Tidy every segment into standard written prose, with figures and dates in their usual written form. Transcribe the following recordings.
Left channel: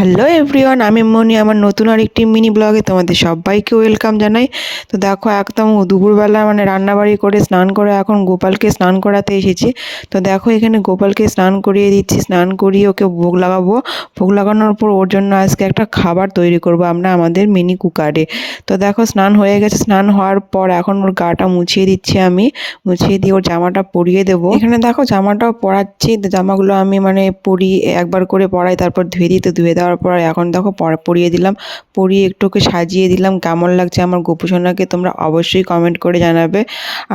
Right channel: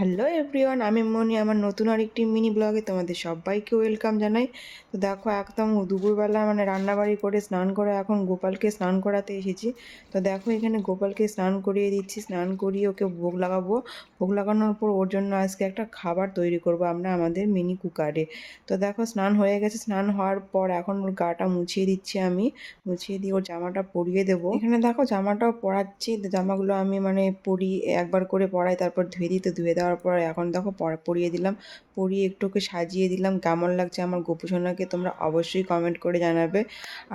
Hello everyone, আমি মনি। আমার নতুন আরেকটি মিনি ব্লগে তোমাদের সবাইকে ওয়েলকাম জানাই। তো দেখো, একদম দুপুরবেলা রান্নাবাড়ি করে স্নান করে এখন গোপালকে স্নান করাতে এসেছি। তো দেখো, এখানে গোপালকে স্নান করিয়ে দিচ্ছি। স্নান করিয়ে ওকে ভোগ লাগাবো। ভোগ লাগানোর পর ওর জন্য আজকে একটা খাবার তৈরি করব আমরা আমাদের মিনি কুকারে। তো দেখো, স্নান হয়ে গেছে। স্নান হওয়ার পর এখন ওর গাটা মুছিয়ে দিচ্ছি আমি। মুছিয়ে দিয়ে ওর জামাটা পরিয়ে দেবো। এখানে দেখো, জামাটাও পরাচ্ছি। তো জামাগুলো আমি পরিয়ে একবার করে পরাই, তারপর ধুয়ে দিই। তো ধুয়ে দেওয়ার পর এখন দেখো পরিয়ে দিলাম। পরিয়ে একটু ওকে সাজিয়ে দিলাম। কেমন লাগছে আমার গোপুসোনাকে তোমরা অবশ্যই কমেন্ট করে জানাবে।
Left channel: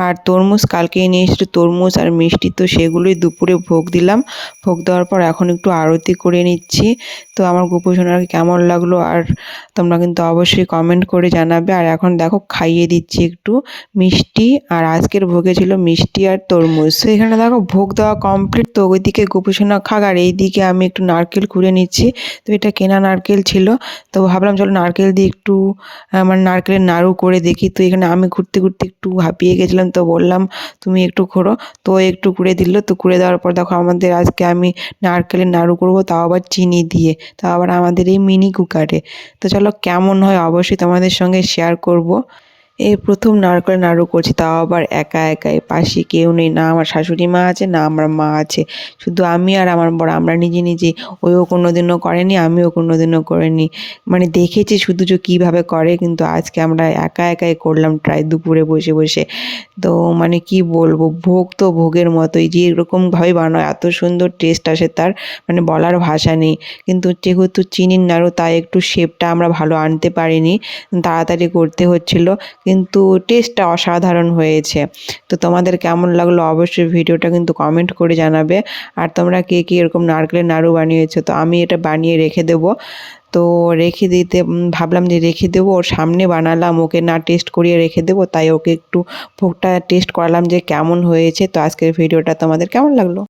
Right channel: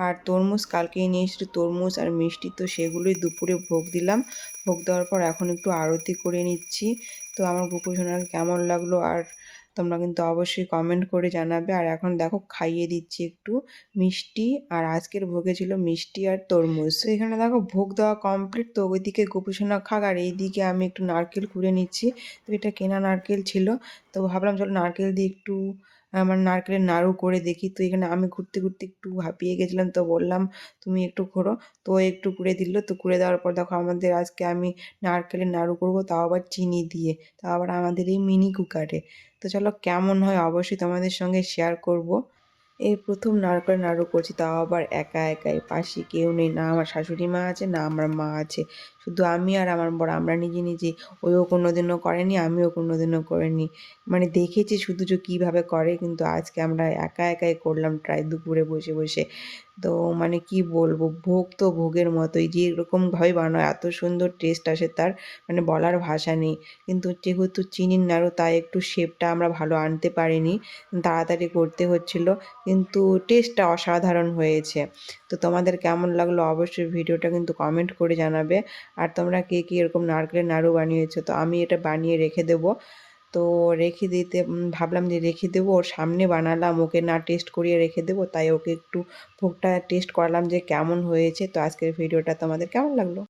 আর তরমুজ কালকেই নিয়ে এসেছিলো, তরমুজ আর মিষ্টি, তো সেগুলোই দুপুরে ভোগ দিলাম। ভোগ দেওয়ার পর এখন একটু আরতি করে নিচ্ছি। তো আমার গোপুসোনাকে কেমন লাগলো আর তোমরা কিন্তু অবশ্যই কমেন্ট করে জানাবে। আর এখন দেখো খাইয়ে দিচ্ছি একটু মিষ্টি। আর আজকের ভোগে ছিল মিষ্টি আর তরমুজ। তো এখানে দেখো ভোগ দেওয়া কমপ্লিট। তো ওইদিকে গোপুসোনা খাক আর এইদিকে আমি একটু নারকেল কুড়ে নিচ্ছি। তো এটা কেনা নারকেল ছিল। তো ভাবলাম চলো নারকেল দিয়ে একটু নারকেলের নাড়ু করে দেখি। তো এখানে আমি ঘুরতে ঘুরতে একটু হাঁপিয়ে গেছিলাম, তো বললাম তুমি একটু ঘোরো। তো একটু কুড়ে দিল। তো কুড়ে দেওয়ার পর দেখো আমাদের আজকে আমি নারকেলের নাড়ু করবো, তাও আবার চিনি দিয়ে, তাও আবার আমাদের এই মিনি কুকারে। তো চলো কেমন হয় অবশ্যই তোমাদের সঙ্গে শেয়ার করব। এই প্রথম নারকেলের নাড়ু করছি, তাও আবার একা একাই। পাশে কেউ নেই, না আমার শাশুড়ি মা আছে না আমার মা আছে, শুধু আমি আর আমার বর। আমরা নিজে নিজে, ওইও কোনোদিনও করেনি, আমিও কোনোদিনও করিনি। দেখেছি শুধু যে কীভাবে করে, কিন্তু আজকে আমরা একা একাই করলাম ট্রাই দুপুরে বসে বসে। তো কি বলবো, ভোগ তো ভোগের মতোই, যেরকমভাবে বানায় এত সুন্দর টেস্ট আসে তার, বলার ভাষা নেই। কিন্তু যেহেতু চিনির নাড়ু, তাই একটু শেপটা আমরা ভালো আনতে পারিনি, তাড়াতাড়ি করতে হচ্ছিল, কিন্তু টেস্টটা অসাধারণ হয়েছে। তো তোমাদের কেমন লাগলো অবশ্যই ভিডিওটা কিন্তু কমেন্ট করে জানাবে। আর তোমরা কে কে এরকম নারকেলের নাড়ু বানিয়েছো? তো আমি এটা বানিয়ে রেখে দেবো। তো রেখে দিতে ভাবলাম যে রেখে দেবো, ওর সামনে বানালাম, ওকে না টেস্ট করিয়ে রেখে দেবো, তাই ওকে একটু ভোগটা টেস্ট করালাম যে কেমন হয়েছে। তো আজকের ভিডিওটা তোমাদের কেমন লাগলো?